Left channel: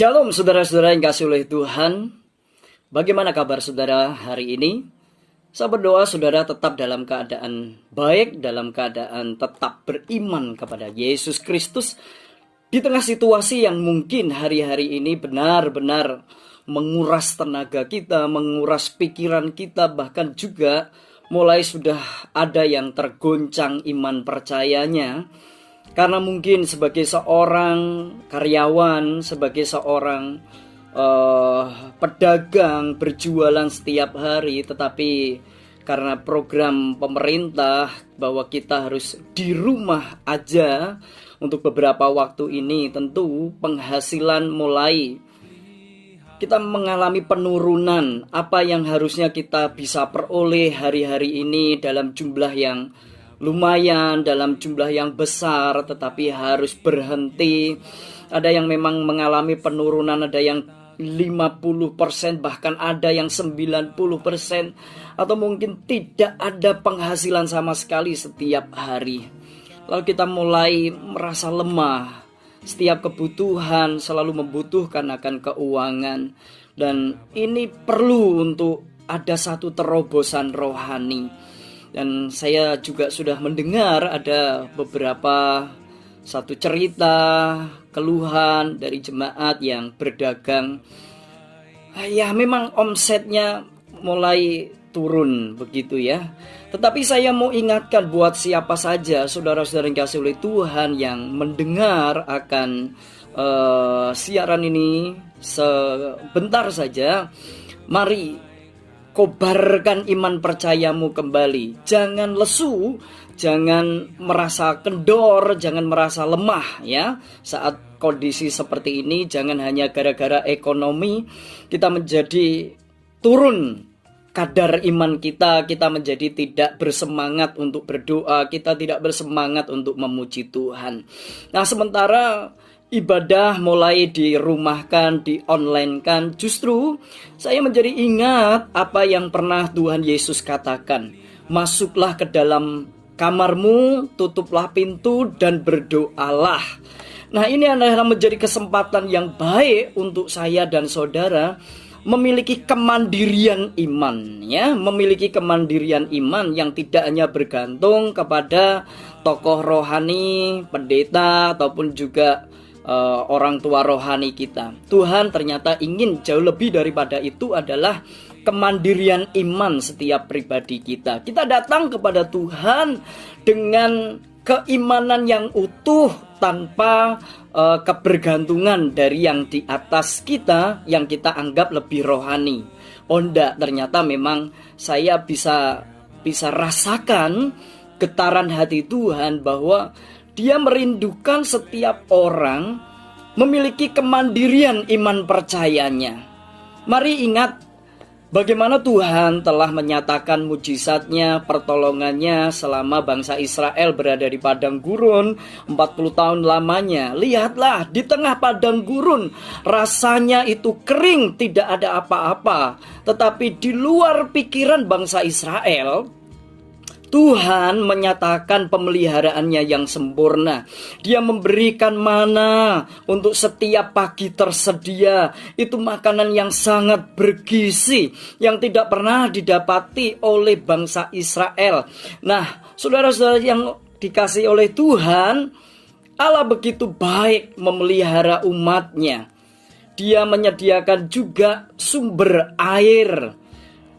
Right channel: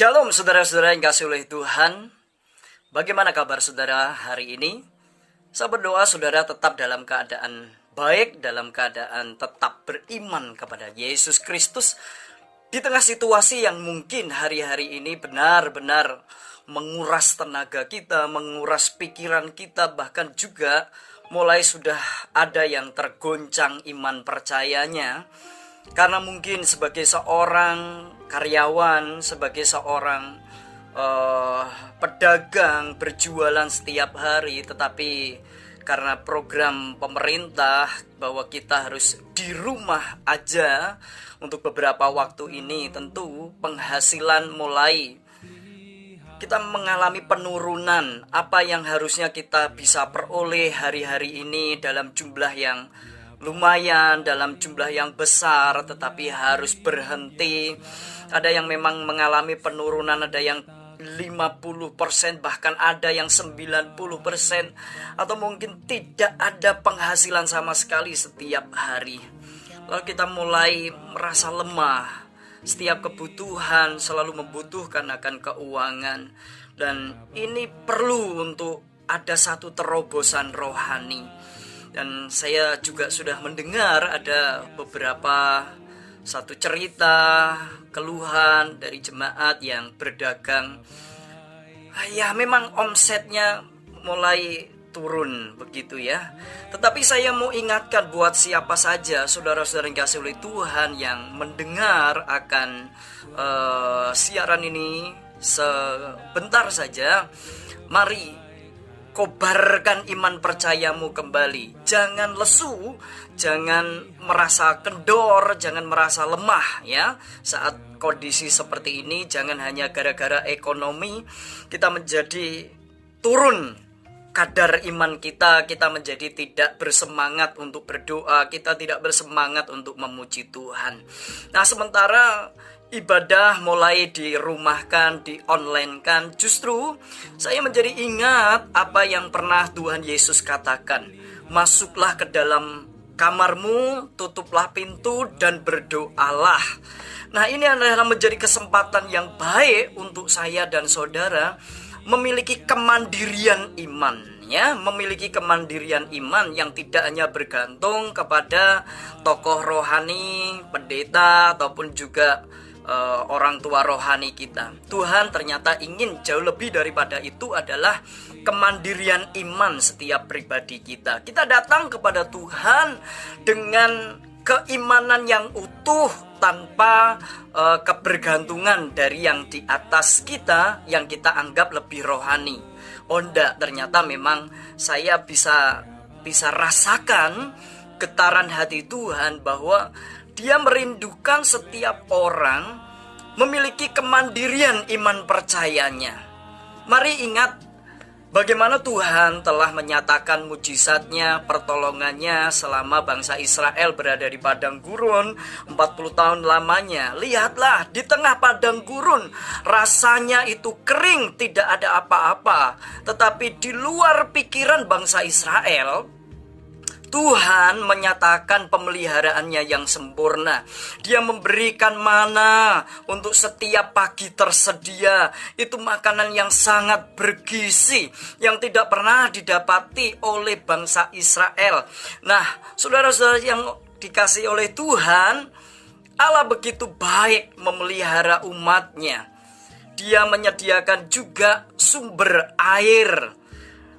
Shalom saudara-saudara yang kasih oleh Tuhan. Bagaimana kabar saudara hari ini? Saya berdoa saudara tetap dalam keadaan baik, dalam keadaan tetap beriman kepada Yesus Kristus. Di tengah situasi yang mungkin hari-hari ini benar-benar menguras tenaga kita, menguras pikiran kita, bahkan juga mulai sudah ada yang tergoncang iman percayanya. Karena mungkin sebagai seorang karyawan, sebagai seorang pedagang berjualan setiap hari, tetapi karena program pemerintah bahwa kita harus di rumah aja untuk beberapa waktu ini, tentu penghasilan mulai kita mengalami penurunan. Apa yang harusnya kita bisa peroleh hari-hari ini dalam jumlah yang lumayan, dalam jumlah yang besar, tetapi harus berhenti. Ada yang memang mengalami penurunan, ada yang 50%, bahkan ada yang 90%, atau mungkin tidak ada penghasilan sama sekali setiap hari. Lalu kita mulai merasa lemah. Setiap kebutuhan selalu membutuhkan akan keuangan. Dan ini perlu untuk ada satu terobosan rohani. Dan saya juga sudah mendengar ada beberapa satu cerita, keluhan dari jemaat yang berdagang. Ya memang omsetnya mulai turun begitu ya. Tetapi saya mau ingatkan buat siapa saja saudara-saudara yang kasih oleh Tuhan yang mendengar akan siaran ini sebentar saja. Mari kobarkan iman percayamu kembali. Jangan lesu, jangan merasa kendor, jangan merasa lemah ya. Saat kondisi seperti ini, jangan hanya gara-gara ekonomi kita menjadi turun kadar iman kita menjadi tidak bersemangat untuk berdoa, kita tidak bersemangat untuk memuji Tuhan. Nah, sementara ibadah mulai dirumahkan, di-online-kan, justru saya menjadi ingat apa yang pernah Tuhan Yesus katakan. Masuklah ke dalam kamarmu, tutuplah pintu dan berdoalah. Nah, ini adalah menjadi kesempatan yang baik untuk saya dan saudara memiliki kemandirian iman ya, memiliki kemandirian iman yang tidak hanya bergantung kepada tokoh rohani, pendeta ataupun juga orang tua rohani kita. Tuhan ternyata ingin jauh lebih daripada itu adalah kemandirian iman setiap pribadi kita. Kita datang kepada Tuhan dengan keimanan yang utuh tanpa kebergantungan dari yang di atas kita yang kita anggap lebih rohani. Oh enggak, ternyata memang saya bisa rasakan getaran hati Tuhan bahwa Dia merindukan setiap orang memiliki kemandirian iman percayanya. Mari ingat bagaimana Tuhan telah menyatakan mujizatnya, pertolongannya selama bangsa Israel berada di padang gurun 40 tahun lamanya. Lihatlah, di tengah padang gurun rasanya itu kering, tidak ada apa-apa. Tetapi di luar pikiran bangsa Israel, Tuhan menyatakan pemeliharaannya yang sempurna. Dia memberikan mana untuk setiap pagi tersedia. Itu makanan yang sangat bergizi, yang tidak pernah didapati oleh bangsa Israel. Nah, saudara-saudara yang dikasihi oleh Tuhan, Allah begitu baik memelihara umatnya. Dia menyediakan juga sumber air.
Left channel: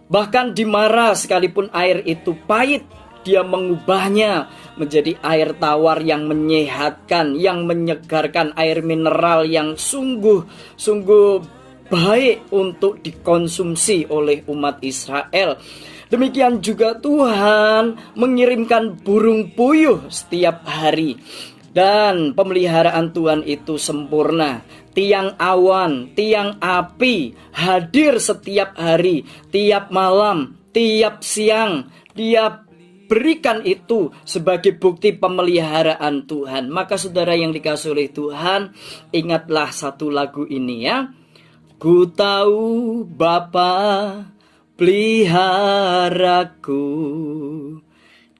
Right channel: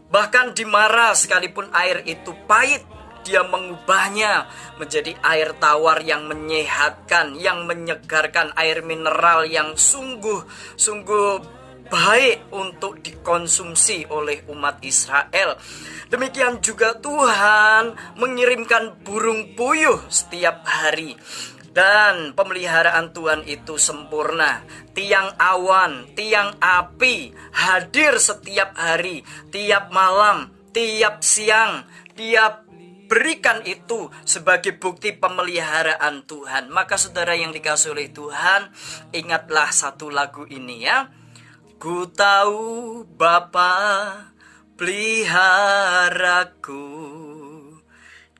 Bahkan di Mara sekalipun air itu pahit, Dia mengubahnya menjadi air tawar yang menyehatkan, yang menyegarkan, air mineral yang sungguh baik untuk dikonsumsi oleh umat Israel. Demikian juga Tuhan mengirimkan burung puyuh setiap hari. Dan pemeliharaan Tuhan itu sempurna. Tiang awan, tiang api hadir setiap hari, tiap malam, tiap siang. Dia berikan itu sebagai bukti pemeliharaan Tuhan. Maka saudara yang dikasihi oleh Tuhan, ingatlah satu lagu ini ya. Ku tahu Bapa peliharaku,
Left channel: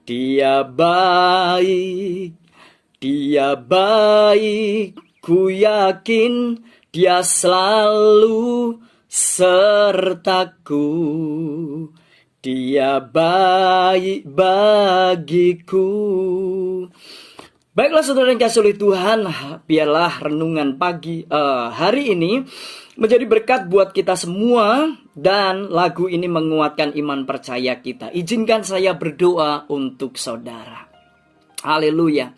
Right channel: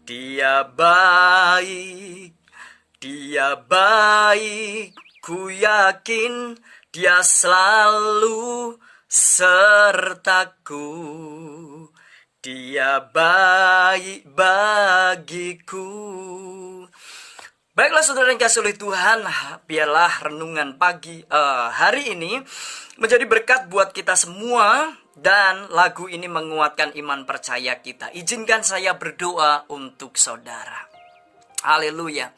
Dia baik, Dia baik, ku yakin Dia selalu sertaku, Dia baik bagiku. Baiklah saudara yang kasih oleh Tuhan, biarlah renungan pagi hari ini menjadi berkat buat kita semua, dan lagu ini menguatkan iman percaya kita. Izinkan saya berdoa untuk saudara. Haleluya.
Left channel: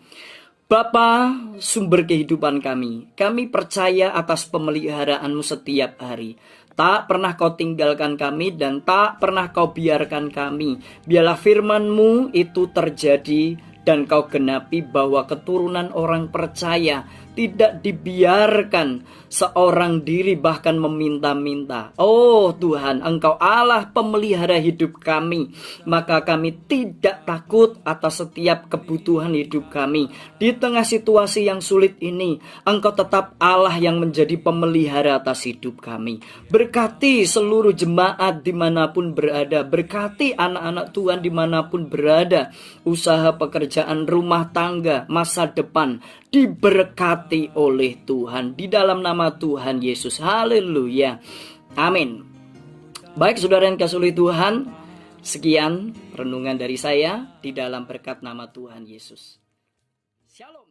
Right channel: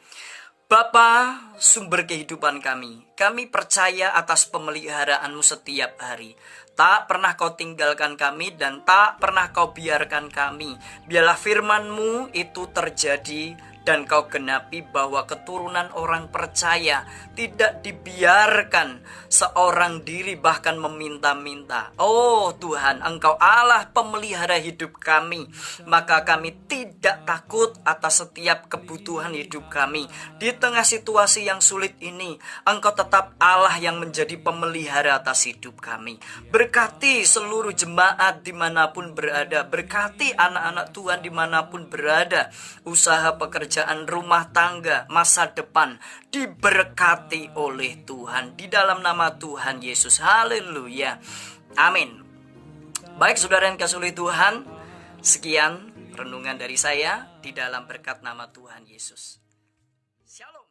Bapa, sumber kehidupan kami percaya atas pemeliharaan-Mu setiap hari. Tak pernah Kau tinggalkan kami dan tak pernah Kau biarkan kami. Biarlah firman-Mu itu terjadi dan Kau genapi, bahwa keturunan orang percaya tidak dibiarkan seorang diri bahkan meminta-minta. Oh Tuhan, Engkau Allah pemelihara hidup kami, maka kami tidak takut atas setiap kebutuhan hidup kami. Di tengah situasi yang sulit ini, Engkau tetap Allah yang menjadi pemelihara atas hidup kami. Berkati seluruh jemaat dimanapun berada, berkati anak-anak Tuhan dimanapun berada, usaha pekerjaan, rumah tangga, masa depan diberkati oleh Tuhan di dalam nama Tuhan Yesus. Haleluya. Amin. Baik saudara yang kasih oleh Tuhan, sekian renungan dari saya di dalam berkat nama Tuhan Yesus. Shalom.